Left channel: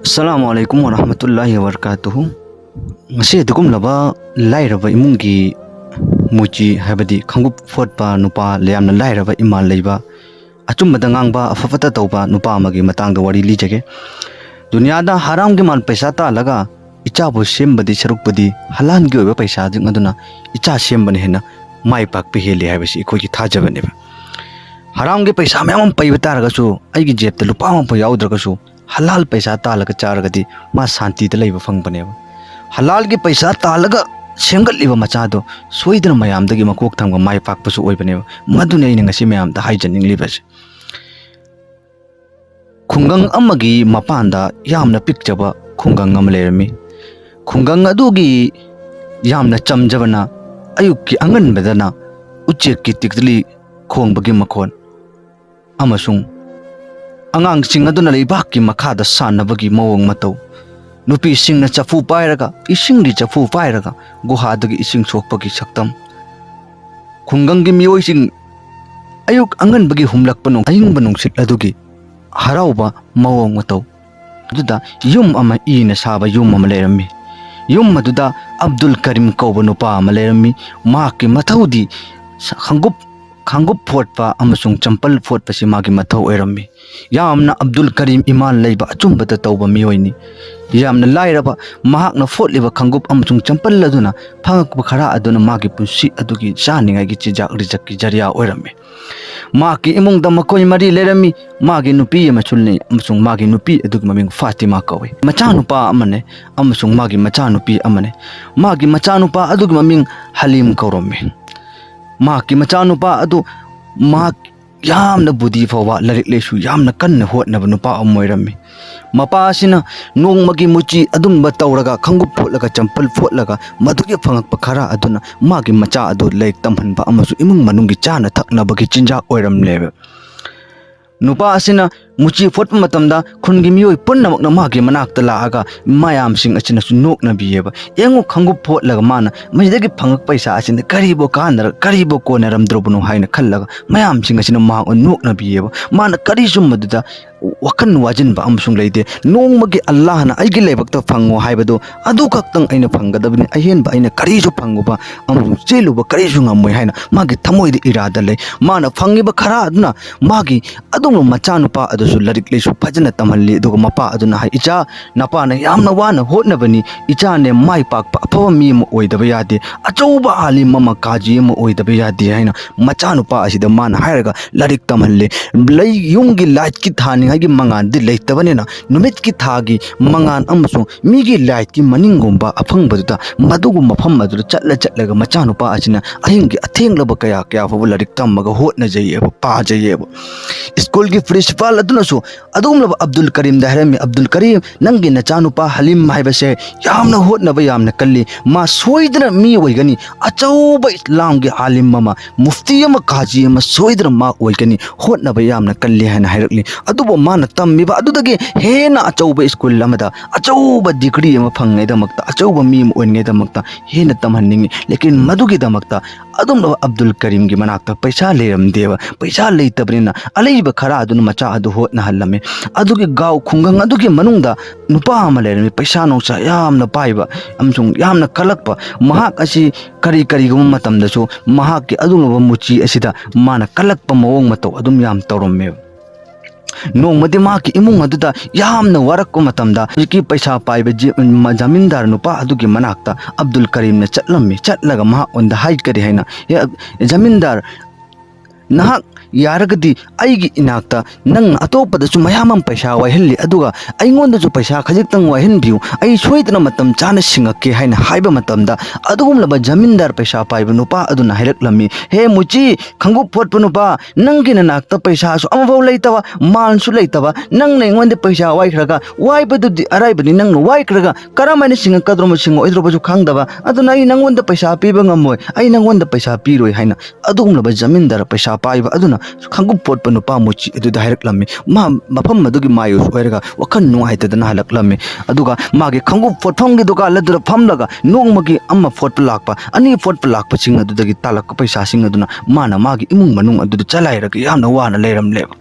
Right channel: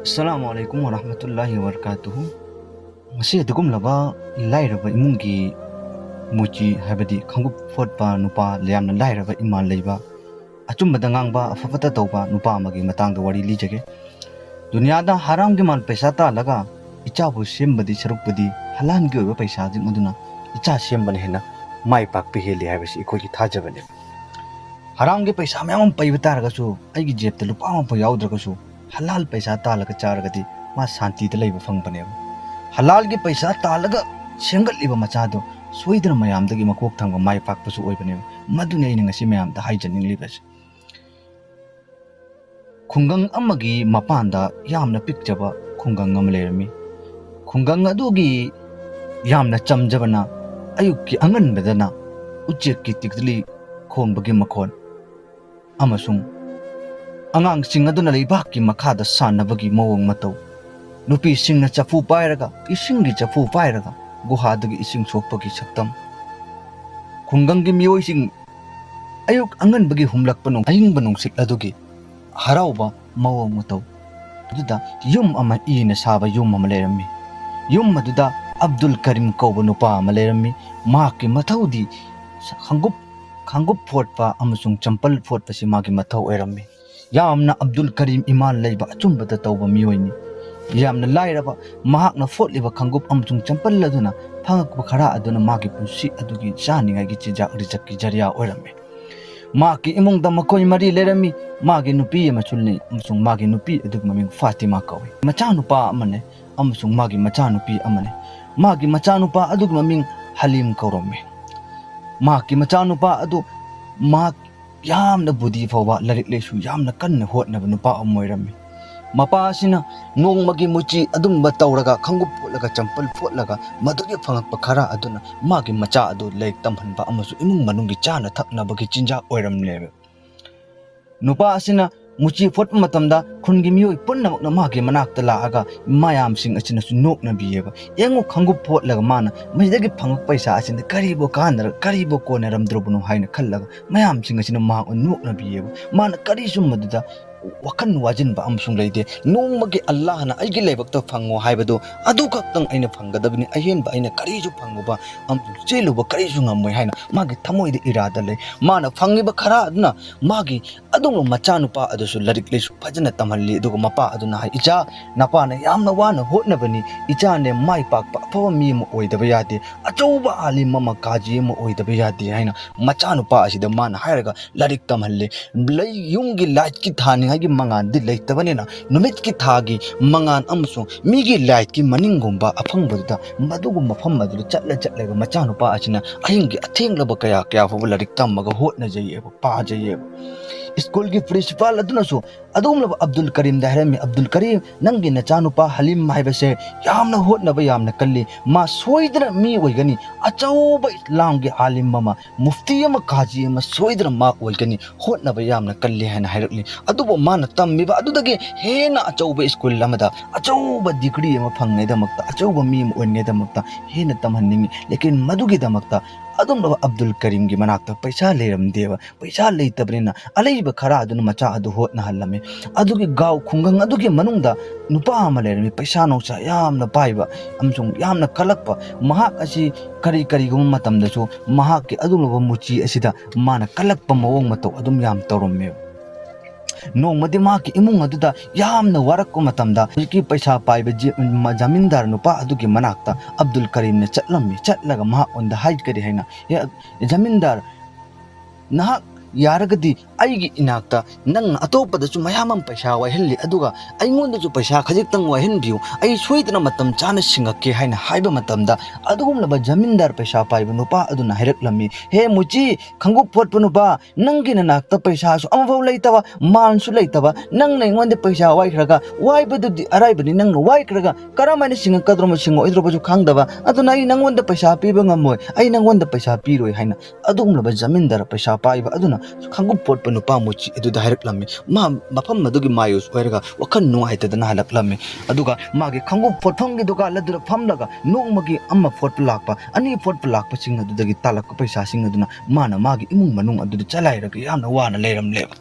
Assalamualaikum warahmatullahi wabarakatuh. Ngasi dugum laba lairaba imungi muji habadi khangup fotpa nupa leamna lairaba imal leiba achumba dangangba afafata tauba nupa amagi matangda wari lijage. Dunyada haram ge mal paisa ta laga icha bo sembadi sarukpadi halan ge oba paisa jing aduna icha sembani hena mai pak pe heli habasi ikoi thajabane. Haram ge paisa mayam paibata ragasu aigi jebta lupa ma pa yaudra halal paisa talaga charagadi ma santi da leiba fangbane. Halal ge paisa talaga semgat liba machado soidra mayam dagi makok thangba mai pak pasu oibane. Madune ina ngasi mayam da haijaning libas. Khungang amagi mapanda yamna pikjaba khungang am lerami. Khungang adugi yamna chamjabana ayukki angan bedana uchek ki tikdli khong bagi makhon amasung angang sing aduna leibak ki makhada sanabagi mawong matau nupi sing na chafu pairaga ising di chafu pairaga guha dagi ising sokpagi saktam khungang gi mioi sing ayuk angan bagi humlak panong aying banong sit adugi harauba mawong matau duda yum ama ina saba yum ama lerami yum maduda Abdul Karim kauba nupa ama lerami maki mathaudi khanggup photpa amasung champal photpa si magi mathau oirami yamna Abdul Karim iman leiba achumbata tauba miyoini yamna lairaba mahakna photliba khanggup amasung champal laduna phangakpa khara aduna magi punsi adugi chaningai gi chijak rijak ki jariya oirami maki imungda makoi mari lerami magi nupi amachulni amasung magi nupi adugi maming Fatima kawi macha nupa amane amasung magi macha nupi amane magi macha nupa adugi maming Halim kaurami maki machanupa adu mak yamna budi fawa larik lesu yamna kanna hotnaba nupa amoirami mapa asina nongmagi muchi adumba tawraga khanggup photlaga champal photlaga madugi phangakpa khara aduna magi macha adu laik tamhanba amasu imung manungi chana thaknabagi chinja oiramlebe nupa asina muchi photpa matamda khungi mioi punnamakna magi manakta laaga mayam sing achina su nokna biyeba engu khanggup photlaga mana maidagi phangak paisa asina karibo kanara karibo konaram drobunu haina khallaga mayam sing achina ma nokna biyeba mana kari summaduda wakan wajin ba amsung leide nongmagi Allah na aigi lebakta phango haibado adu kaktang aina phangadabni ahen ba aina kari su phango ba amru chelu ba kari su ngamoi haina magi thamoi de irada le mana phangi ba khara aduna magi adum macha nupa adusu larik lesu phajana tamhalli dugo mapa aduna hai icha napa na yamna wana hotnabani icha ne mai pak pa aphawa mi mo oidaba yade achouba alim mama kaji mo oidaba yade haina macha nupa asida man hairaga larik tamhalle lei yungi light ki thani hagi mangan di leitabane na numit ki thagi mangan amso migi light ki maningumba aphang baduda madugu mafam madu chatlaga macha nupa asina ahingi athenglaba kaya fa larik tamaga hotna jayeba pa jayeba school ki principal aduna so adumlaba Abdul Karim dahrami Abdul Karim nangi na chanupa Halim haibase yamna hotnaba yamna kalli ma soidra mi oigani achauba Islam gi alim mama mufti ama kaji ama soidra ma oigani hotnaba yamna kalli hana hairakli adubo mana tammiba adudagi hena achauba school lamada achauba degree ama phangai damakta achauba mi oingai damakta hena tamhanningi lekin madugi damakta adumlaba Abdul Karim gi manakta paisa leram deba paisa leitabnina aleiba khara aduna macha adu hotna halame adugi gaw khungang adugi manungda nupa ama lerami paisa nongsa yamna paiba amsung yamna kalakpa mahak asi kari gum matamdasu mahak ki adumlaba muchi asida mana kalakpa mawong matau adum yam tawromme nongmadi maki imung aduda yamna warakko matamda ki paisa paiba jamindar nupa adugi manakta Abdul Karim na chatlaga ma onda haid kari haina jamindar nahak yaragadi aigi inakta nang atopada su mayamam paisa wahilli aduga aingonda su paisa khajitang wahin biu ai soidna matam chana singake haina haiba matamda adugum laba jamindar paisa paiba nupa aduna hairaklami he muchi khangu photpa nupa nangi na nakta paisa su amawau leitaba man su leitaba nang na aingonda paisa waikhraga waibadu di araibani nang waikhraga karamani singa kadroma singa oidroba su khangdaba aduna ai nangonda paisa piba ngamoi ai nangonda paisa piroi haina adugum laba jamindar paisa paiba aduna khanggup photpa nupa muchi edu hairaklammi ma mafam madugi mayus oiraga wakan nuaitadana halaklammi aduga magi khanggup photpham gi duka ladura phamlaga nongmagi amma photpa lakpa ani photpa lakpa sing adudagi talak paisa sing aduna mana magi imung manung adu chalairaga yamna wana leiramleba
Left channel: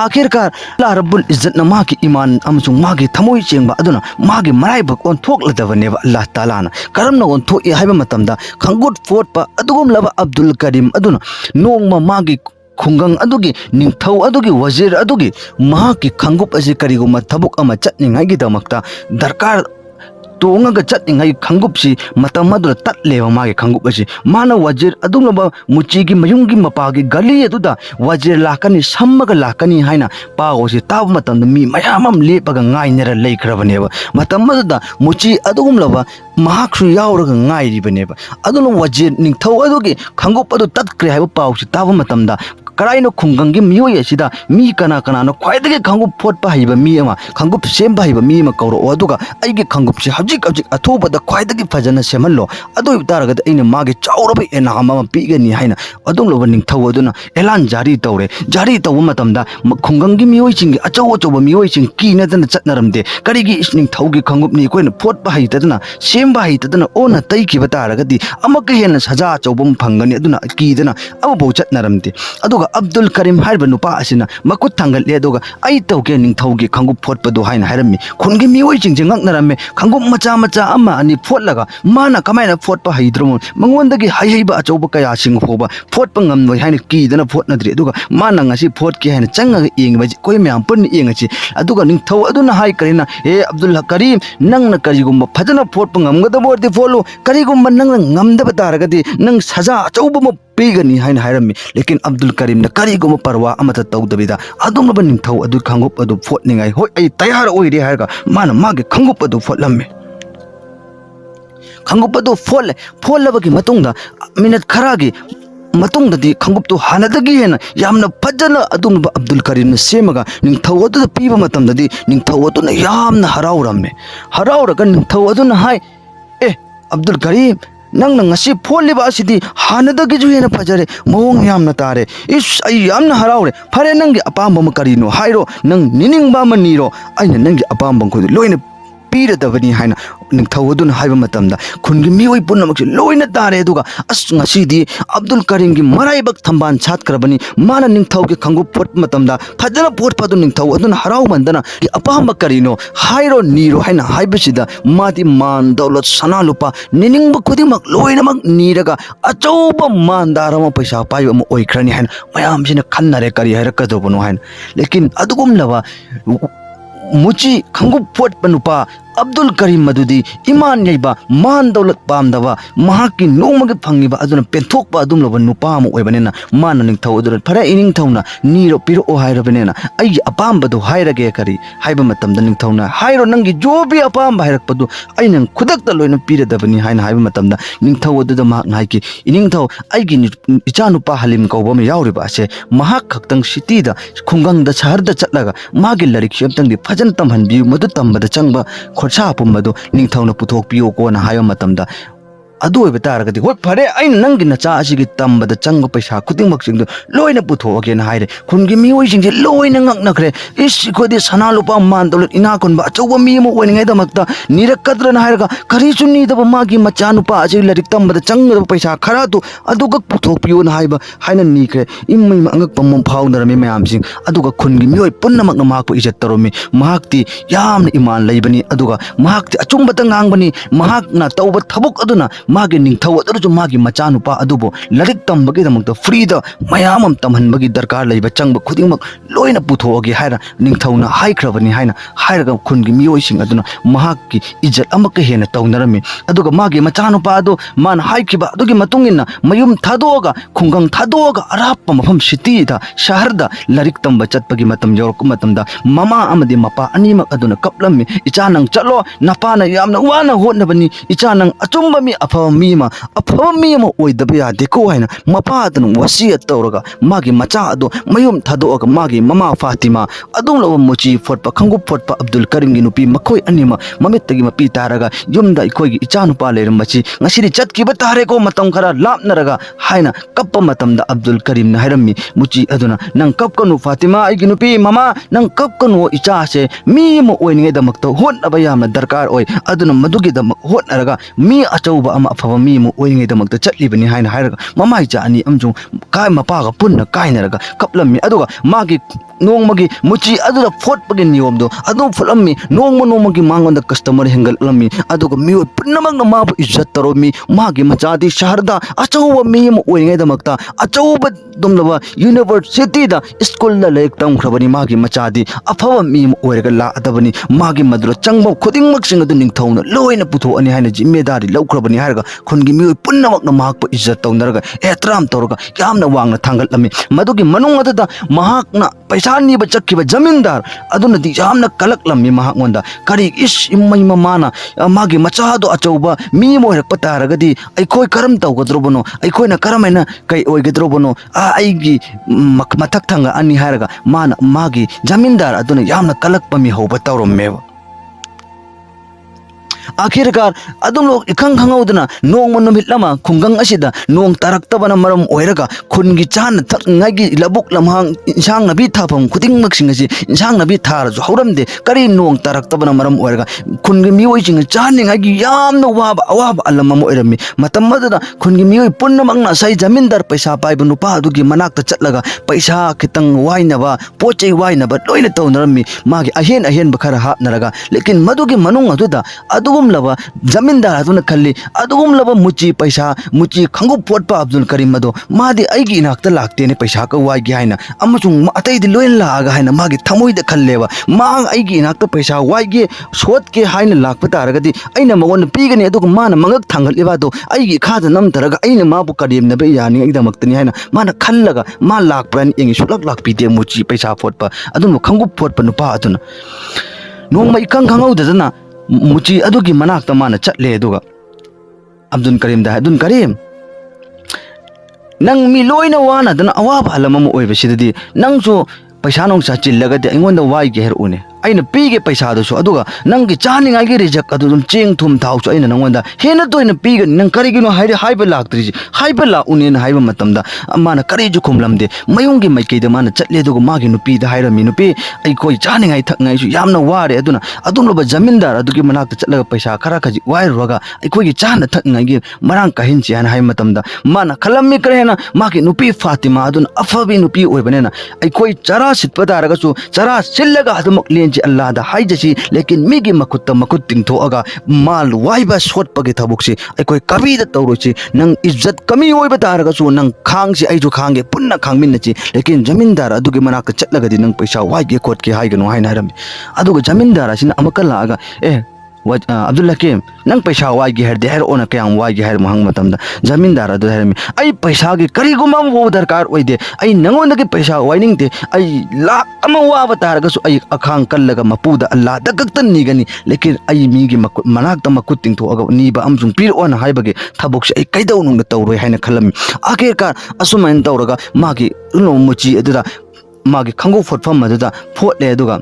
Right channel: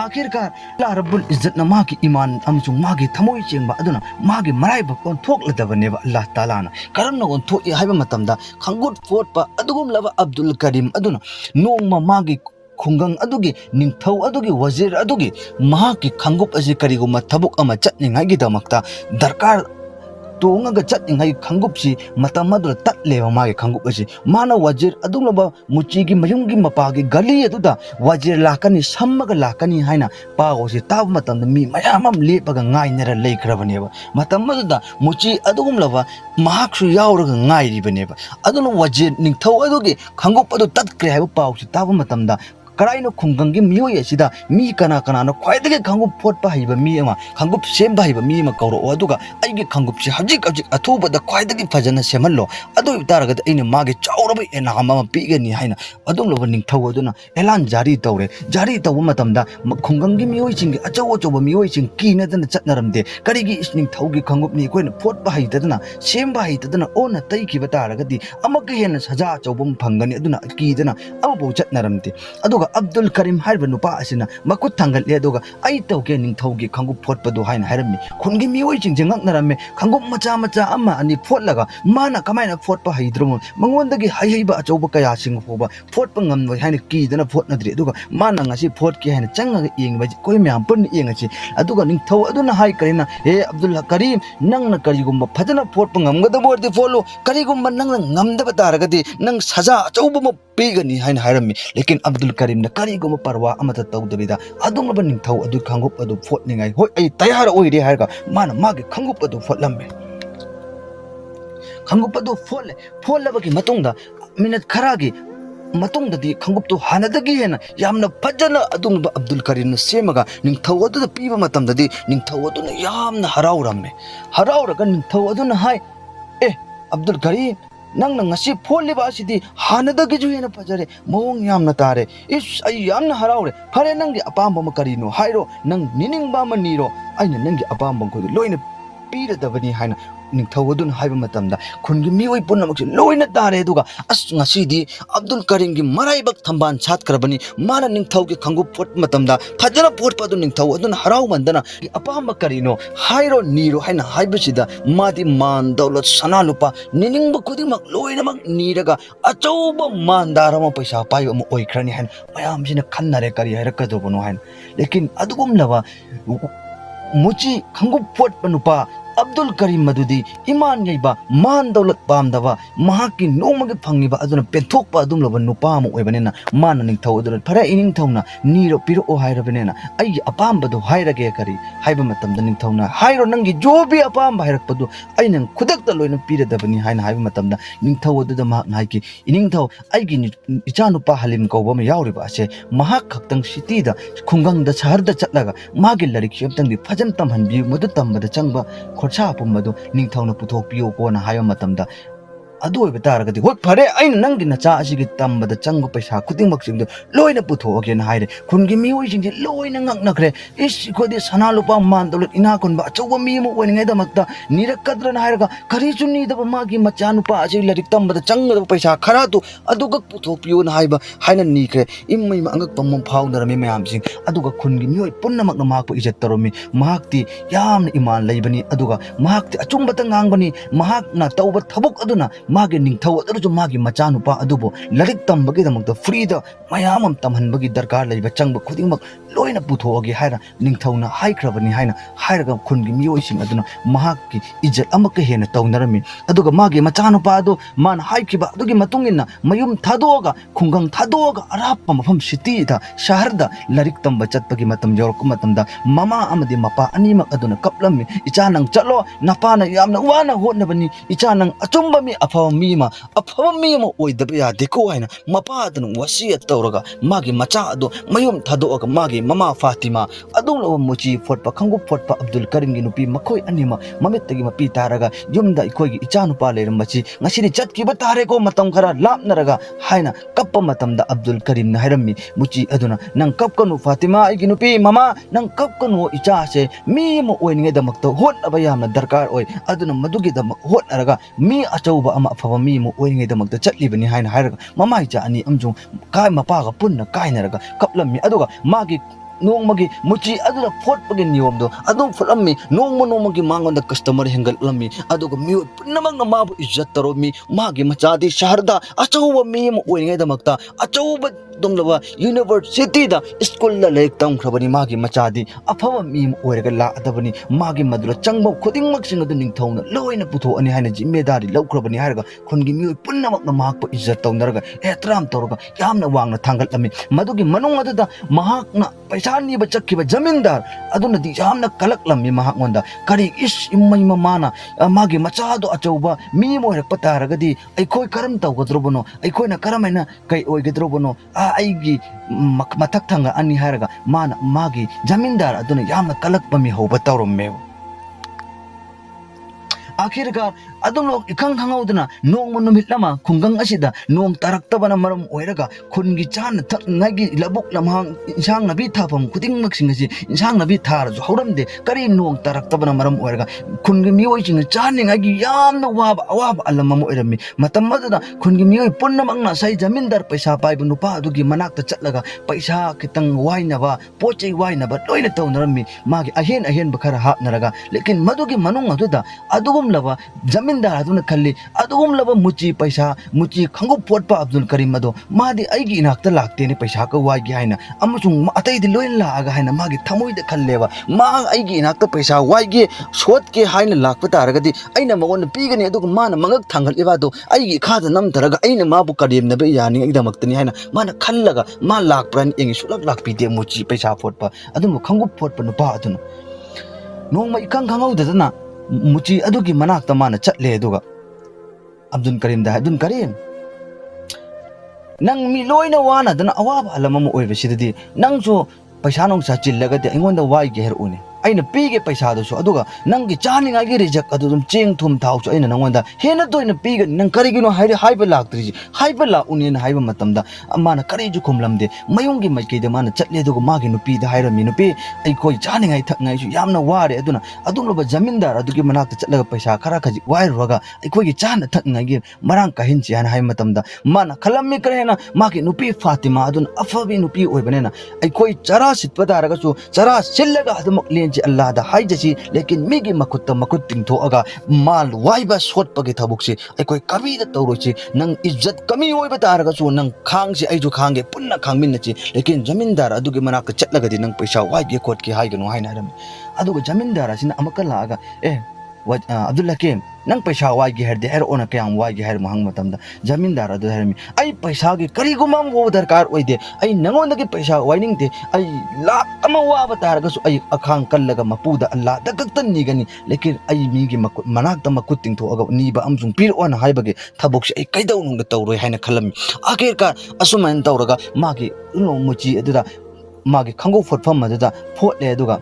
आखिरकार अल्लाह रब्बुल इज्जत ना मागी ईमान अमसुंग मागी थमोई चेंबा अदुना मागी मराइबक ओंथोक्लदबनेबा अल्लाह ताला ना करमना ओंथोई हाइबा मतमदा खंगुट फोटपा अदुगुम लबा अब्दुल करीम अदुना नोंमा मागी खुंगंग अदुगी निंगथौ अदुगी वजीर अदुगी मागी खंगुप असे करिगुमा थबुक अमा चटनिंगाइगिदमक्ता दरकार तोंगा चटनिंगाई खंगुपसी मतम अदुला तटलेबा मागी खंगुप असे माना वजीर अदुलबा मुचीगी मयुंगी मपागी गली अदुदा वजीर लाकनी सम्मगा लाकनी हाइना पागोसे ताब मतम मी मयामम लेपगा ngainera leikrabनेबा मतम अदुदा मुची अदुगुमलबा महाक्सु यावरगा ngaइरिबनेबा अदुना वजीर निंगथौ अदुगी खंगुप अदु तत्क्रे हाइबा पाउसी ताब मतमदा कराइनो खुंगंगी मियोय असिदा मी कना कनानो ख्वाइदगे खंगुप फोटपा हाइबा मी अमा खंगुप सेमबा हाइबा मी अमा कौरो अदुगा आइगे खंगुप से हजिक हजिक अथोबदा ख्वाइदगे फजना सेमल्लो अदु तारगद अइना मागे चाउरबा एना अमा पीगनी हाइना अदुंगलोबा निंगथौ अदुना एलान जारी तौरे जारी तौब मतमदा खुंगंगी मियोय चिंगे अचौ अचौबा मियोय चिंग कीनदना चटनरमदे करिगी इस निंगथौगी खंगुपनी कोइना फोटपा हाइतदना सेमबा हाइतदना ओना तैखिबा तारगदी अमक हेन सजा अचौबम फंगनी अदुना कीदना अमबौ चटनरमदे अदुगा अब्दुल करीम हाइबा नुपा असिना मकुत थांगले अदुगा आई तौगे निंगथौगी खंगुप फोटपदो हाइना हाइरमी खुनगी मियोय चिंजे ngaknarame खंगुप मचा मचा अमा अनि फोटलगा माना कमाइना फोटपा हाइद्रमु मंगोंदगी हाइबा अचौबा कया सिंग फोबा फोटपा ngamnoi हाइना कीदना फोटनद्रि अदुगा माना ngasi फोट के हाइना चंगा येंगबा कोइ म्याम पन येंगछि अदुगा निंगथौ अदुना हाइ करिना ए अब्दुल करीम नंगना करिगुम फजना फोटपा ngamgadabodi फोलो करिगुम नंगना ngamदबा तारगदी नंग सजा अचौबा पीगनी हाइना हाइरमी लेकिन अब्दुल करीम न करिगुम परवा अमता तौदबिदा अदुमबा निंगथौ अदु खंगुप अदु फोटनिंगाई होय आई तयार ओइरे हारगा माना मागे खंगुप अदु फोटलम्मे खंगुप अदु फोलबगी मतुंगदा मिनट खरागी मतुंगददी खंगुप तो हानदगी हेना यामना फजना अदुंगबा अब्दुल करीम न सेमगा निंगथौ अदु पीबा मतमददी निंगथौ अदु न यामना हराउरम्मे हराउरगा निंगथौ अदु न हाय ए अब्दुल करीम नंग ngasi फोलिबा असिदी हानदगी जु हेना फजरे मोंग यामना तारे इस आई यामना हराउरे फरे नंगी अपाम बम करिनो हाइरो नंग निनिंगबा मनीरो आइना नंगी अपाम बम खुद लोइने पीरदबनी हाइना निंगथौ अदुन हाइबा मतमदा खुनगी मिओइ पुनमक लोइना तारे अदुगा अस ngasi अब्दुल करीम की मराइबक थंबान छातक्रबनी माना निंगथौ के खंगु फोट मतमदा फजना फोट पदु निंगथौ अदुन हराउ मंदना अपाम करिनो हाइरो नीरो हाइना हाइबसिदा मादी मान दौलत सना लुपा निनिंगब खुदिमक लोइनमक नीरगा अचौब मानदारम पैसा पाइबम ओइख्रनी हाइना मयामसिना खन्नरे करि हाइरकदोबनो हाइना लेकिन अदुगुम लबा मुची खंगु फोट पनुपा अब्दुल करीम मदुदी ईमान यैबा मान दौलत पामदबा महाकी नोमगे फंगिबा अदुना पेंथोकपा अदुम लोबा नुपा अम ओइबनेना मान निंगथौ अदुना फरे इनिंगथौना नीरो पिरो ओ हाइरबनेना आई अपामबदो हाइरगे करी हाइबा मतमदा निंगथौना हाइरो नंगी जोबी अपाम हाइरकपदो आई नंग खुदकता लोइना पिरदबनी हाइना हाइबा मतमदा निंगथौ अदुदा माक नाइकी इनिंगथौ आइगी इचा नुपा हलिम कौबम याउरिबा से महाक खक्तंग सिटीदा खुंगंगदा शहरदा चटलगा मागी लरिक शेमतंगदी फजन तमहनबी मदु तंबदा चंगबा खोरसा पुम्बदो निंगथौना पुथोकपियो कोना हायो मतमदा अदु ओइबा तारगदी होय फरे आइन नंगी नचा असिगी तंबदा चंग पैसा खुदिंगमक सिंगदो लोइना पुथोगेना हाइरे खुनगी मिओइ सिंजे लोइना ngaknakre इस खोदे सना लुपा मान दौलत इना कोनबा अचौबा मी म ओइनिंगाइ दमक्ता निरकद्रना हाइरगा करिसु नीदबा मागी मचा नुपा अजि लरिक तंबदा चंगदबा पैसा खरा तो अदुगा पुथोकपियो ना हाइबा हाइना नीक्रे इम्मै अंगक पम फाउनरमी मयामसिंग अदुगा खुनगी मिओइ पुन्नमकना माकपु इज्जत तरोमी महाक्ति यामना ईमान लैबनी अदुगा महाक्ति अचुंबता ngangbani महाकना तौबा थबुक अदुना मागे निंगथौ अदुरजु मागी मचानुपा अदुबो लरिक तंबगी दमक्ता फ्रीदा मयामम तमहनबगी दरकार लैबा चंगब खुदिंगमक लोइना पुथोगे हाइरा निंगथौना हाइख्रबनी हाइना हाइरगा खुनगी मिओइसिंग अदुना महाकी इज्जत अमक हेना तौनरमी अदुगा मागे मचानुपा अदु मान हाइखिबा अदुगी मतुंगिना मयुम थादोगा खुंगंग थादोगा अराप मफम सिटीदा शहरदा लरिक तंबा चटपगी मतम यौरक मतमदा ममा अमदि मपा अनिमक अदुना कपलम्मी इचा नंग चलो नपाना यामना वाना होनबनी इचा नंग अचुंबा मी अफब मी अमा ओइदबा यादेको हाइना मपादन वसियत तौरगा मागी मचा अदो मयुम थादोगा मागी ममा फातिमा अदुमलबा मुची फोटपा खंगु फोटपा अब्दुल करीम गी नुपी मखोय अनिमा ममित्तगी मपी तारगा युमदा इखोयगी इचा नुपा लेरमची ngasi चटकिबा तारेको मतम खरा लापनरगा हाइना कप्पा मतमदा अब्दुल करीम न हाइरमी मुची अदुना नंग कपकनु फातिमा आइगी नुपी ममा नंग कपकनु इचा से मी म ओइनिगे दमक्तो होनबा यामना दरकार ओइ अदुना मदुगी दमक होनरगा मी अचौबा अमा अफब मी अमा ओइरिङैदमक्ता चꯠलिबनि हाइना हाइरगा ममाइ चा अनि अमजुं काय मपागा पुन्ना काइनरगा कपलम्मी अदुगा मागी नोंमगी मुची अदुदा फोटपगे नियमदो अदु फुलम्मी नोंमगी मांगोंदा कस्टमर हेंगलम्मी अदुगा मियो पुन्नमंगना माबु इज्जत तरोमी मागी मचादी शहरदा अचौबा मी अमा ओइरिङैदमक्ता अचौबा दुमलबा यूनिवर्सिटीदा स्कूलदा लाइक तमख्रबनि मागी मचादी अफब मी अमा ओइरगा लाअदबनि मागी मदुरा चंगबो खुदिंगमक्सिंग अदु निंगथौना लोइना पुथोअनि हाइना जिम्मेदारी लौख्रबनि हाइरगा खुनगी मियो पुन्नमक्ना माकपो इज्जत तौनरगा एहतराम तौरगा यामना वांगना थांगलम्मी मदुगी मनुंग अदुदा महाकना पैसा नीब चक्किबा जमींदार अदुनदी यामना कलकलम्मी महाकमोंदा करी इस इम्मई ममाना मागी मचादो अचौबा मी मोइरकपा तारगदी अइखोय करम तौगद्रोबनो अइखोयना करमैना कै ओइगद्रोबनो आइगी मथक थंगा अनि हारगा माना मागी जमींदार अदुना यामना कलकपा मी हौबा तौरम्मेबा आखिरकार अदुम लोग इखंग खंगौदना नोंग मनुमित लमा खुंगंग असिदा नोंग तारक्तबना मरम ओइरगा खुनगी चान थक्नागी लबुक लमहांग इंसांग नबी थाफम खुदिंग मक्सिंग असि इंसांग नबी थारजु हौरमदे करी नोंग तारक्तबना मरम ओइरगा खुनगी मिओइसिंग चानिंगागी यामना वाबा अवाबा अलमम ओइरमी मतम मदना खुनगी मिओइ पुन्नमंगना सै जमींदार पैसा पाइबा नुपा अदुगी मनाक्ता चटलगा पैसा खितंग वाइनबा पोचै वाइनबा लोइना तौनरमी मागी अहेन अहेन बखरा हापनरगा लेकिन मदुगी मनुंग अदुदा अदुगुम लबा जमींदार अदुना खल्ली अदुगुम लबा मुची पैसा मुची खंगु पोटपा अब्दुल करीम मदो मादी अइगी इनाक्ता लागतेने पैसा का वाइगे हाइना अमसुंग अतैदि लोइन लागा हाइना मागी थमोइदा खल्लेबा मा अइगी इनाक्ता पैसा वाइगे सोटके हाइना लाक्पा तारगदि अइना मगोन पीगनी अदुग माना मंगक थांगलिबादो अइगी खादा नमतरगा अइना माबु करीमनबे यानि अइदमक्तनि हाइना माना खल्लगा मा लाक्प्रन एंगी सुलक लाक्पीते मुची पैसा फोटपा अदुम खंगु फोटपा नुपा अदुना नोंमा इखंग खंगौदना मुची अदुगी मनाक्ता माना चटले अदुगा अब्दुल करीम दा अब्दुल करीम नंग मी लोइना वाना दना अवाबा अलमम ओइबसिदि नंगसो पैसा नोंसा चिल्लगदि अइंगोंदा वाइगे हेरउने अइना पीगे पैसा दोसो अदुगा नंगी चानिंगागी रिजक अदुम चेंग थुम थाउसो अइना नंगोंदा हेना तोइना पीगनि नंग करिगिनो हाइबा लाक्त्रिजि हाइबा लाउनेना हाइबा मतमदा माना करिजु खुमलमदे मयुंगी माइकेदा माना चटले अदुगा मागी नुपीदा हाइरमी नुपी अइखोइ चानिंगाइ थक्नाइसु यामना वारे अदुना अदुमलबा जमींदार अदुगी मनाक्ता चटलगा पैसा खरा खजि वाइरुगा अइखोइगी चाना थक्नाइगी मरांग काहिनचि हाना हाइ मतमदा माना खलम्मी करेना मागी नुपी फातिमा अदुना अफबी नुपी ओइबनेना अइखोइ चरा सिटपा तारगसु चरा सिल्लगा अदुमक अल्लाह दा हाइजसी लेकिन मिगी मकुत्ता मकुत तिंगथोअगा माल वाइबा सोटपगे थबुकसी अइखोइ कबीदा तौरोसी नंग इज्जत कमी ओइबा तारगसु नंग खांगसी अइजु खांगे पुन्ना खांगमिन्नची लेकिन जमींदार अदुगी मनाक्ता चटलगदि नंग पैसा वाइगे खोटके हाइगनो हाइना हारमी अदुगा जमींदार असिना अमका लागा अब्दुल हकीम नंग पैसा वाइगे हेरदे हेर ओना कयाम वाइगे हेर महंग मतमदा जमींदार अदु हेरमी अइ पैसा गे करिगुमा वो दरकार ओइदे अइ नंगोंदगे पैसा वाइनिंगते अइ लाख अमा वाबा तारगसु अइ अखांग कल्लगा मपुदा अल्लाह दगक्तन निगनी लेकिन अइ मीगे मनाक्ता मकुत तिंगथोअगा नीबा अमजुंग पिर ओना हाइबगे थबुकसे अइ कैदौनुंगदा तौरोय हाइना खलमी आखिरकार असुमैन तौरगा मागी उनो मुची अदुदा मागी खंगो फोटफम अदुदा फोटले अदुगा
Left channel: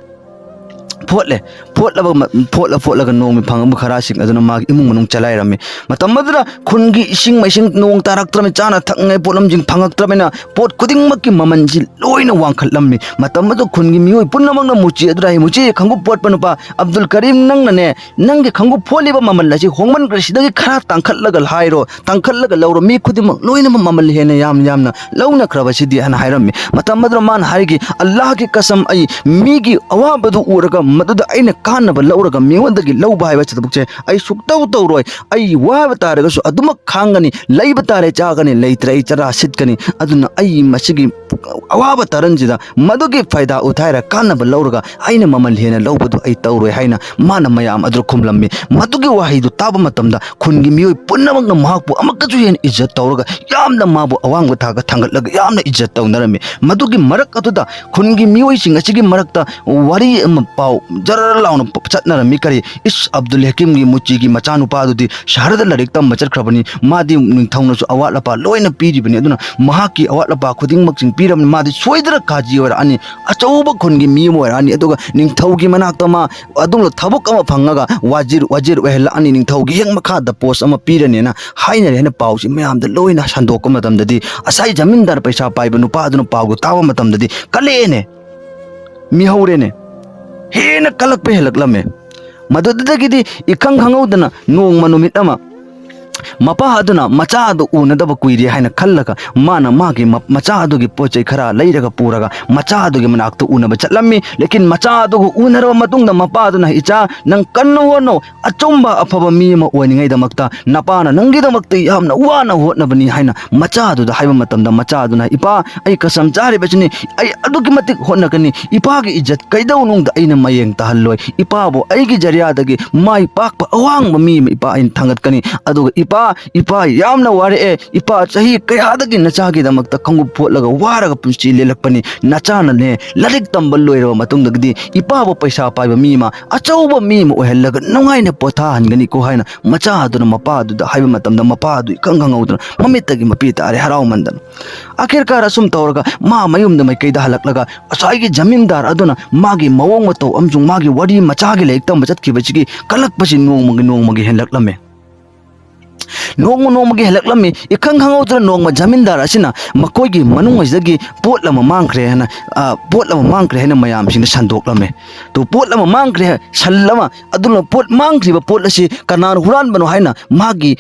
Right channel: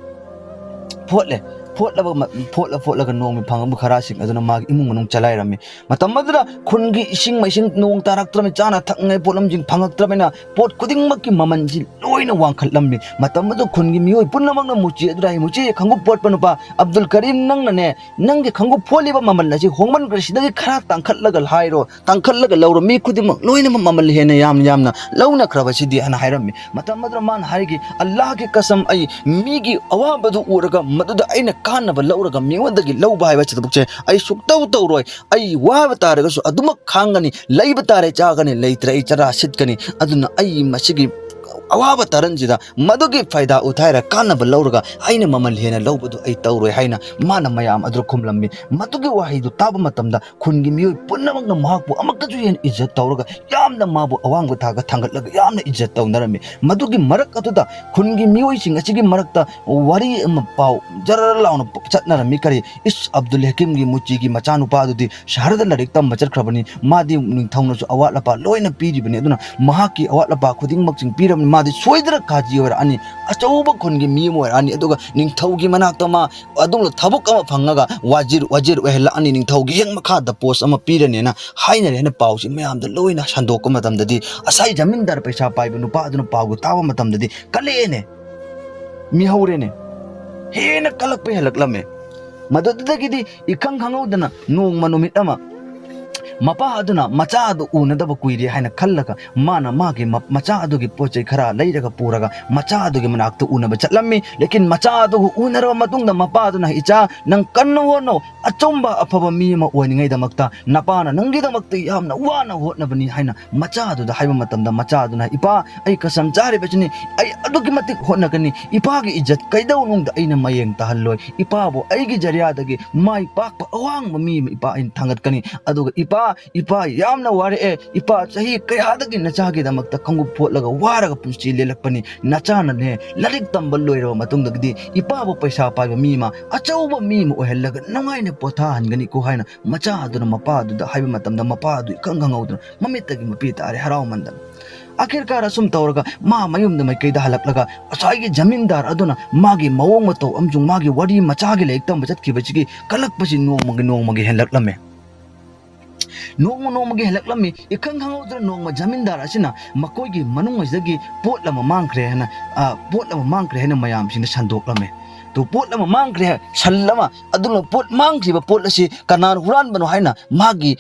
फोटलगा नोंग फंग खरासिंग अदुना मागी इमुंग मनुंग चलाइरमी मतम मदुदा खुनगी इसिंग मैसिंग नोंग तारक्त्रमे चाना थक्ने पोलमजिंग फंगक्त्रमेना पोट खुदिंगमक्की ममनजि लोइना वांखलम्मी मतम मदु खुनगी मियोइ पुन्नमंगना मुची अदुरा हि मुची खंगु पोट पनुपा अब्दुल करीम नंगने नंगी खंगु फोलिबा ममन लसि होंगमन ग्रसिदगी खरा तांखलगा हाइरो तांखलगा लौरो मी खुदिंग लोइना ममन हेना यामना लौना ख्रबसिदि हना हाइरमी मतम मदुरा मान हाइगी अल्लाह की कसम अइ मीगी अवाबदु उरगा मदुदा अइना कानबा लौरगा मियोंदगी लौबा हाइबा चतबुकचे अइ सुक्तौ तौरोय अइ वाबा तारगसु अदुमक खांगनी लैबा तारे चागनी लैत्रे अइ चरा सिटकनी अदुना अइ मसिगी अवाबा तारनजिदा मदुगी फायदा उठाइरा कानबा लौरगा अइना ममल हेना लौबदु अइ तौरोय हाइना माना मयाम अदुर खुमलम्मी मदुगी वाहिदु ताबा मतमदा खुनगी मियोइ पुन्नमंगना महकपु अमकजु हेन इज्जत तौरगा यामना माबु अवांगबा थागा थांगलगा यामना इज्जत तौनरमी मदुगी मरक अदुदा खुनगी मियोइसिंग असिगी मरकता वारी अमा पाउ जर लाउन चटनरमी करी इस अब्दुल हकीम की मुची की मचानुपादुदी शहरदा लाइरिक तम चटख्रबनी मादी निंगथौनसु अवाटलपा लोइना पीरिबनी अदुना महाकी अवाटलपा खुदिंगमक्सिंग पीरबनी मादी सोइदरा काजी ओरआनी अचौबा खुनगी मीम ओरआनी अदुगा निंगथौगी मनाक्तमा अदुमलो थबक अमा फंगगा वाजिर ओहलानी निंगथौगी हेंग मखादा पोस्ट अमा पीरनेना हाइना हेना पाउसी मयामदा लोइना संदोक मतमददी असai जमींदार पैसा पाइबा नुपा अदुना पाउगु तावा मतमददी कलेने मिहौरेने हेना कलक पे हेलकलमे मदुदगी इखंग खंगौदना नोंग मनुमित अमा मपा अदुना मचा अदु उनदब कुइरे हाइना खल्लगा माना मागी मचा अदुगी पोचै खरा लैरगा पुरगा मचा अदुगी मनाक्तु उनब चलम्मी लेकिन मचा अदुगु उनरब मतुंगदा मपा अदुना इचा नंग कन्नु होनो अचुंबा अफबा मी म ओइनिङैदमक्ता नपाना नंगिदमक्ता यामना वाना होटनबनी हाइना मचा अदुदा हाइबा मतमदा मचा अदुना इपा ऐ कसम चारिबचिनि ऐ अदुगी मतिक होटनकनी इपागी इज्जत कैदौनुंगदा ऐना मयेंग तहल्लोय इपाबो ऐगी जरियादगी माई पाकपा अवांगबा मी इपा ऐन थांगतकनी अदुगा इपा यामना वारे इपा चाही कयादगी नचागीदमक्ता खंगुप फोटलगा वारगा पुंसी लेलकपनी नचानने लरिक तंबल लोइरबा मतुंगदगी इपाबो पैसा पाइबा मीमा अचौबा मीमा ओहल्लगा नुंगाइना पोथा हनगनी को हाइना मचा अदुना मपा अदुदा हाइबा मतमदा मपा अदु इखंगंगौदना ममितगी मपी तारे हराउमंदन आखिरकार असुम तौरगा मा मयुमदा मैकैदा हलकलगा असाइगी जमींदार अदुना मागी मवोंग मतौ अमजुंग मागी वडी मचागी लेक तंब चतखिबचिगी कलकपसि नोंमगी हेलकलमे नोंमगी हेलकलमी इखंग खंगौदना नोंम जमींदार असिना मकोइगी मनुंगजगी पोटलम मांखरे हना मयामसिंग संदोकलमे तो पोटलम मांखरे सल्लमा अदुना पोट मांखरिबा पोटलसि कनान हुरानबनो हाइना मागी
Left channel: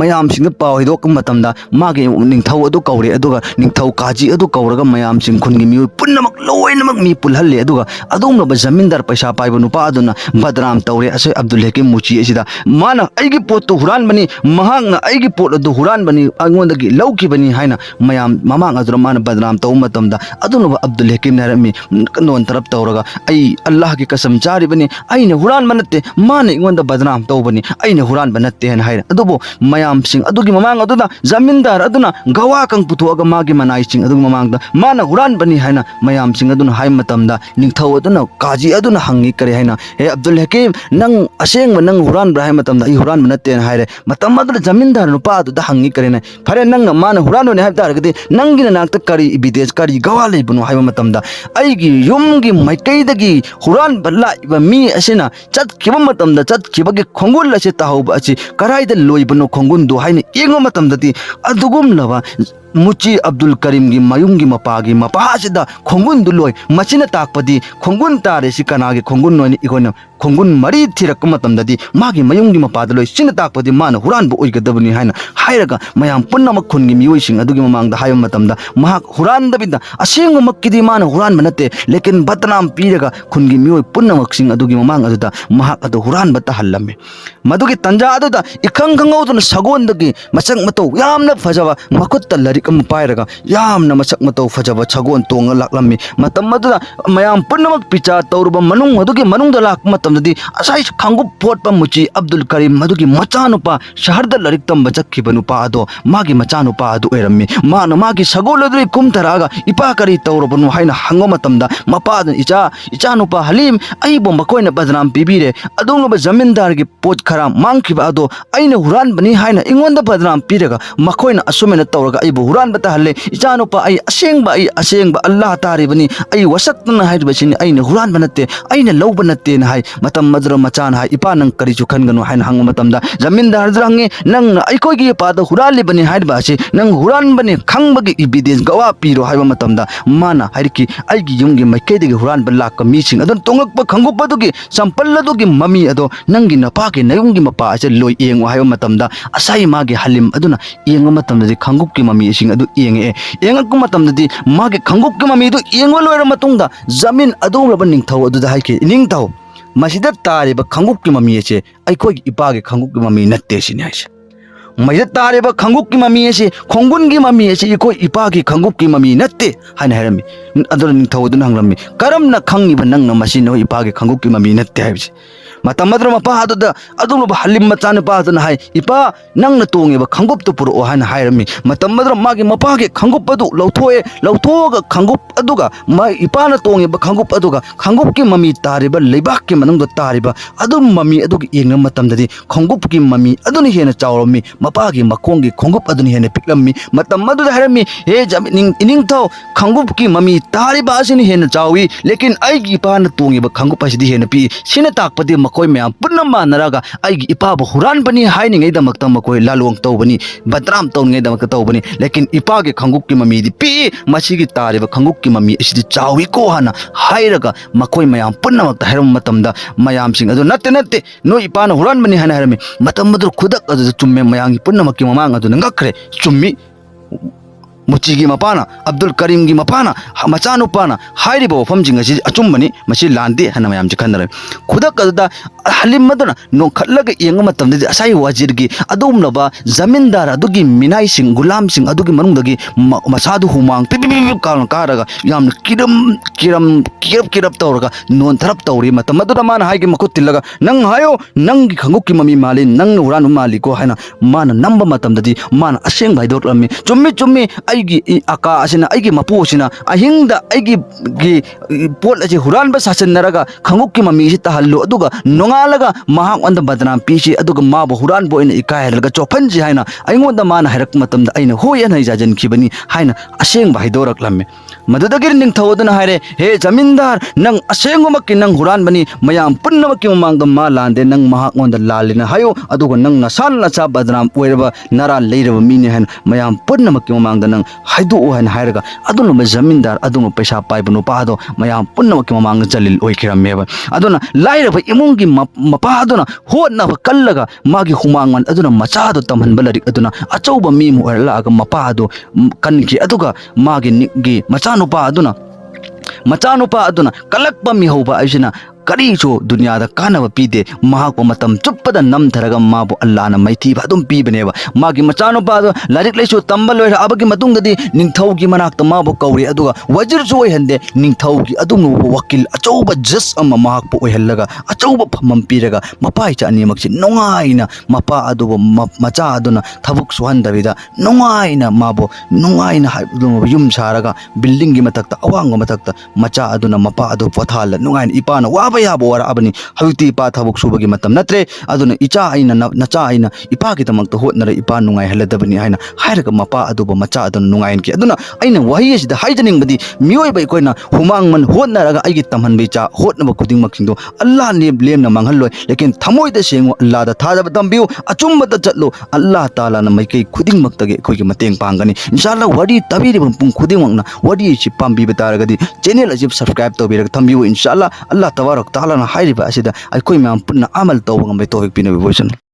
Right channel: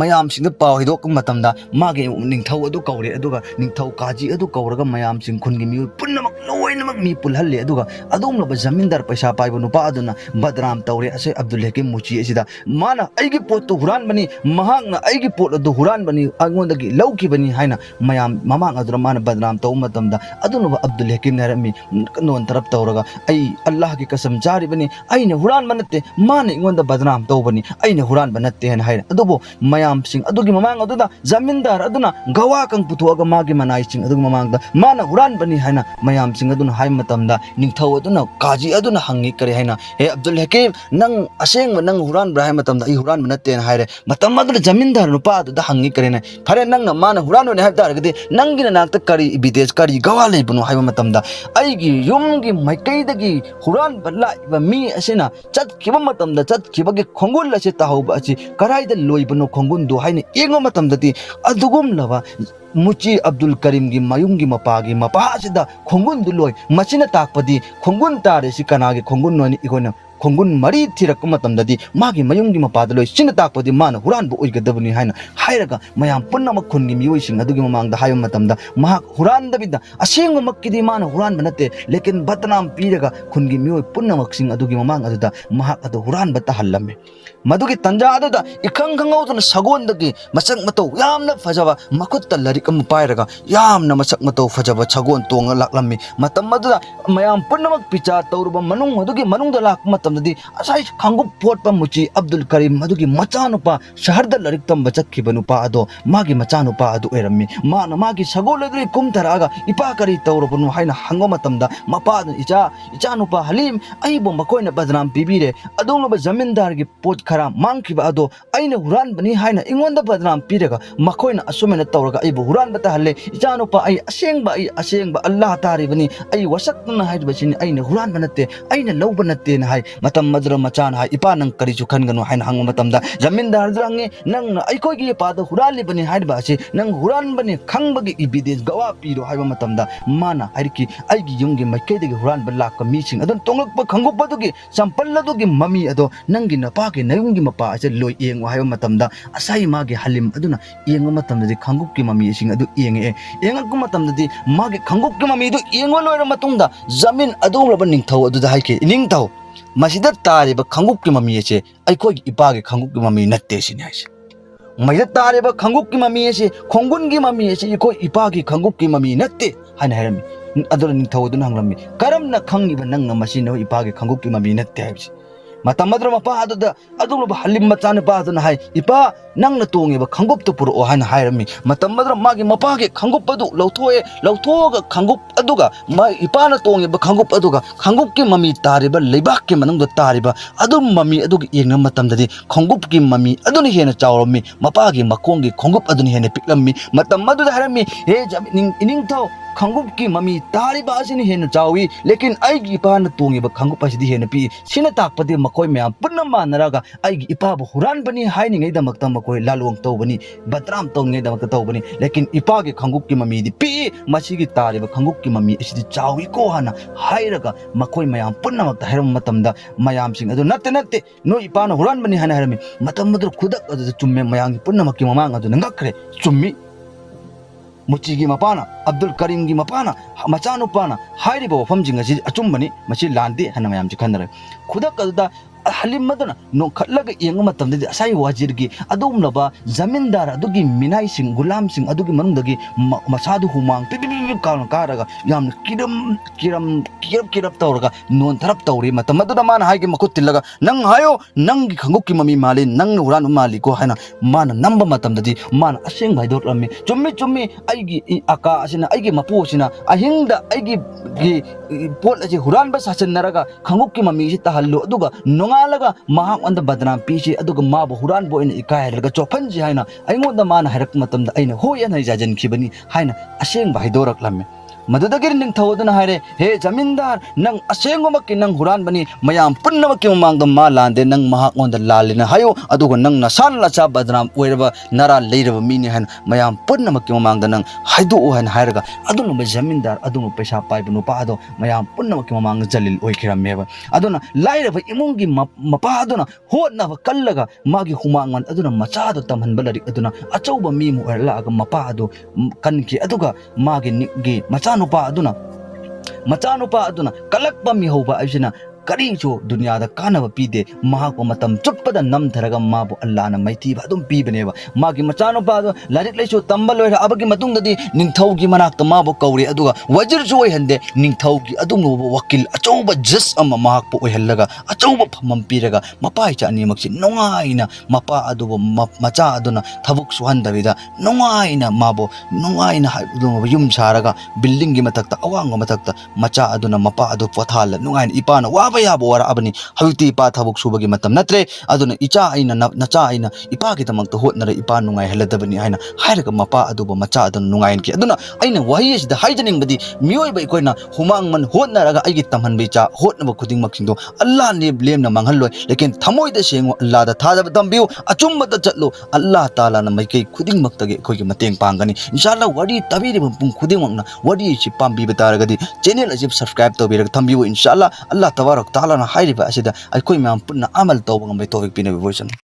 मयामसिंग पाव हिदोक मतमदा मागी निंगथौ अदु कौरे अदुगा निंगथौ काजी अदु कौरगा मयामसिंग खुनगी मिउ पुन्नमक लोइनमक मी पुलहल्ले अदुगा अदुमब जमींदार पैसा पाइबा नुपा अदुना बदनाम तौरे असै अब्दुल हकीम मुची असिदा माना ऐगी पोटतो हुरानबनी महांगना ऐगी पोट अदु हुरानबनी अंगोंदगी लौखिबनी हाइना मयाम ममांग अदुना माना बदनाम तौ मतमदा अदुनब अब्दुल हकीम नरमी नोन तरफ तौरगा ऐ अल्लाह की कसम चारिबनी ऐने हुरानबा नत्ते माना इंगोंदा बदनाम तौबनी ऐने हुरानबा नत्ते हन हाइना अदुबो मयामसिंग अदुगी ममांग अदुदा जमींदार अदुना गवा कंग पुथोगा मागी मनाइसिंग अदुगी ममांगदा माना हुरानबनी हाइना मयामसिंग अदुना हाइ मतमदा निंगथौ अदुना काजी अदुना हंगी करे हाइना हे अब्दुल हकीम नंग असेंग नंग हुरानबा हाइ मतमदा ई हुरानबा नत्ते हन हाइरे मतम अदुना जमींदार नुपा अदुदा हंगी करेना खरे नंग माना हुरानोने हाइ तारगदि नंगिना नाक्ता करी इविडेंस करी गवा लेबनो हाइ मतमदा ऐगी युमगी मैकैदगी हुरानबा लाइबा मी असिना चतखिबा मतमदा चतखिबगी खोंगुल असे ताहौबा असी कराइदा लोइबनो खोंगुंदो हाइना येंगो मतमदति अदुगुमलबा मुची अब्दुल करीम की मयुंगी मपागी मपासिदा खोंगुन दुलोय मचिना ताकपदी खोंगुन तारेसि कनागे खोंगुन नोनि इकोना खोंगुन मरी थिरक मतमददी मागी मयुंगी मपादलोय सिन ताकपदी मान हुरानबो ओइगदबनी हाइना हाइरगा मयाम पुन्नमक खुनगी मियोइसिंग अदुगी ममांगदा हाइम मतमदा महाक हुरानदबिदा असेंग मक्किदी मान हुरानबा नत्ते लेकिन बदनाम पीरगा खुनगी मियोइ पुन्नमकसिंग अदुगी ममांग अदुदा महाक अदु हुरानबा तहल्लमे मदुगी तंजा अदुदा इखंग खंगौदना सगोंदगी मसक मतौ यामना फजबा मखुत्ता लरिक पायरगा यामना मसक मतौ फजबा छगोन तोंग लाक्लम्मी मतम मदुदा मयाम पुन्नमक पिचा तौरबा मनुंग मदुगी मनुंगदा लाक मतमदि असै खंगुप फोटपा मुची अब्दुल करीम मदुगी मचानुपा शहरदा लरिक तंबा चक्खिबा नुपा अदो मागी मचानुपा अदु ओइरम्मी माना मागी सगोलदुई कुमथरागा इपा करी तौरबनु हाइना हंगो मतमदा मपादन इचानुपा हलीम अइबो मकोइना बदनाम पिबिरे अदुंगबा जमींदारगी पोट खरा मांखिबा अदो ऐना हुरानबनी हाइना इंगोंदा बदनाम पिरगा मकोइना असुमेना तौरगा अइबो हुरानबता हल्ले इचानुपा ऐ असेंगबा अल्लाह तारिबनी ऐ वसक्तना हाइबसिनि ऐना हुरानबा नत्ते ऐना लौबा नत्ते ना हाइ मतम मदर मचान हाइ इपा नंग करिचु खनगनु हाइना हंगो मतमदा जमींदार जरंगे नंग अइकोगी पाद हुरानलिबनी हाइबासि नंग हुरानबनी खंगबगी इविडेंस गवा पिरो हाइबा मतमदा माना हाइरकी ऐगी युमगी मैकेदगी हुरानबा लाक मीसिंग अदन तोंगकपा खंगुपदुगी संपल्लदुगी ममी अदो नंगी नपागी नयुंगी मपा असे लोइ येंगो हाइबा मतमदा असाई मागी हलिम अदुना येंगो मतमदि खंगुपकी ममी सिंग अदु येंगे येंगकु मतमदि मागी खंगुपकी ममी अदु येंगो लोइर मतुंगदा जमीन अदुरबा निंगथौ अदुदा हाइके निंगथौ मसिदा तारिबा खंगुपकी ममी असे अइकोगी इपागी खंगुपकी ममी नत्ते सिनि हाइसे मैदा तारेबा खंगुपकी ममी असे खोंगुनगी ममी असे इकोई इपागी खंगुपकी ममी नत्ते हाइना हाइरमी अदुना निंगथौ अदुना हंगलम्मी करमना खंगिबा नंगना मसिनो इपागी खंगुपकी ममी नत्ते हाइबसे मतमद्र मपा अदुदा अदुमबा हलिम मचान पादना हाइ इपा नंगना तोंगेबा खंगुप पुरो हाइना हाइरमी मतमद्र मागी मपागे खंगुप अदु लौथोगा खंगुप अदुगा मा इपाना तोंगेबा खंगुप अदुगा खंगुपकी ममी तारेबा लेबाकके मनंगदा तारेबा अदु ममी अदुगी येंगना मतमददि खंगुपकी ममी अदुनि हेना चावरमी मपागे मखोंगी खंगुप अदुनि हेना पिकलम्मी मतमद्र हाइरमी हे इनिंगथौ खंगुपकी ममी तारिबा असिनि हेन चावी लेकिन आइगी इपान तोंगिबा खंगुप असिदि हेन पि सिना ताकपदि मकोय मयाम पुन्ना मानरागा आइगी इपाबु हुरानबनि हाइनिङै दमक्ता मकोय लालोंग तौबनि बदनाम तौनिङै दमक्ता तौबनि लेकिन इपागे खंगुप की ममीदि पि मसिगी तारिबा खंगुप की ममी असिदि चावी को हाना हाइरगा मकोय मयाम पुन्ना मक्ता हेरम मतमदा मयाम सिंग अदु नत्ते नत्ते नो इपान हुरानबनि हाना हेरमे मतम मदु खुदक अदु चुम्मे मयांगी पुन्ना मक्की ममांग अदु नंगखरे चुम्मी मुचीगी मपाना अब्दुल करीम की मपाना मचानुपाना हाइरिबो वफमजिंग असि अचुम्बनी मसि लांदे हना मयाम जि खनरे खुदक अदुदा हलिम मदना नो खल्लग येंग मतमदि असाई वाजिरगी अदुमलबा जमींदार अदुगी मिनाई सिंग गुलाम सिंग अदुगी मनुंगदगी मसादु हुमांग पिपिपि कारगा याम किरब तौरगा नोन थरप तौरी मतम मदुदा माना हाइगे मखुत तिलगा नंग हायो नंगी खंगुक की ममी माली नंग हुरान माली को हैना माना नंबर मतमदि माना असेंग भाइदोक लम्मी चुम्मी चुम्मी आइगी आका असिना आइगी मपु असिना अहिंगदा आइगी पोट असे हुरानबा सासनरगा खंगुक की ममी सि तहल्लु अदुगा नोंगालगा महाक अंद बदनाम पीसी अदुगा माबो हुरान बो इन इकायलगा चोफनजि हाइना अइंगोंदा माना हाइरक मतमदा अइना होय अन जाजन खिबनी हाइना असेंग भाइदोरक लम्मे मदुदगिर निंगथौदना हाइरे हे जमींदार नंग असेंगमकि नंग हुरानबनी मयाम पुन्नमकि ममांगदा मा लांदे नंग महाक ओंदा लालिना हायो अदुगा नंग नसान नचा बदनाम ओइरबा नरा लेरबा मीने हन मयाम पुन्नमकि ममांगदा नंग हाइदो हन हाइरगा अदुनबा जमींदार अदुम पैसा पाइबा नुपादो मयाम पुन्नमकि ममांग जलिल ओइखिरमेबा अदुना लाइरबा इमुंगी मपा अदुना होनबा कल्लगा मागी हुमांगन अदुना मचादो तमहनबा लरिक अदुना अचौबा मीम ओइरलागा मपा अदु कनकी अदुगा मागी निगी मचानुपा अदुना कलक्पा मिहौबा आइसिना करीचो दुनिया दा कानब पीदे महाको मतम चुप्पदा नमथरगा माबो अल्लाहना मैथीबा अदुम पीबनेबा मागी मचानुपा लारिक लैसो तंबा लोइरा अबगी मतुंगदि निंगथौगी मनाक्ता माबो कौरी अदुगा वजिरसु ओइहंदे निंगथौगी अदुम वकील अचौबा जस अमा महाकपो ओइहल्लगा अचौबा फमम पीरगा मपाइ चा अनिमक्सि नोंगाइना मपा अदुबो मचा अदुना थबुक सुहंदबिदा नोंगाइना माबो नोंगाइना युम सारगा बिल्डिंग गी मतक्ता अवांग मतक्ता मचा अदुना मपा अदु पथाल नोंगाइना इपाना याबो वराबनी हविती इपा थबुक सुबगी मतम नत्रे अदुना इचा आइना नचा आइना इपा की तमक्ता होतनरे इपा नुंगाइ हलदबनी हाइना हाइरगा मपा अदुबो मचा अदुन नुंगाइन की अदुना आइना वही सिदा हाइजनिंगबदी मियोइबा इकोइना हुमांग मन होतनरगा आइगी तमहनबे चा होतनबा खुदिंग मकिंदो अल्लाह ने लेमना मंगहल्लोय लेकिन थमोइदा सेंगो अल्लाह दा थाजब तंबियो अचुम्बदा चलो अल्लाह ताला ना मैकै खुदिंग मक्तगे खोइगी मतेंग पांगनी इंशाअल्लाह वडी तबीरिबम पुंग खुदिंग मक्ना वडी सि पांबीबा तारगदी चैनल अजिब सब्सक्राइब तौबिरग थंबियो इंशाअल्लाह अल्लाह तबारक ताला ना हाइरिबा असिदा अखोइ म्याम पुन्ना अमल तौबा ngam bai tawik pinabi voice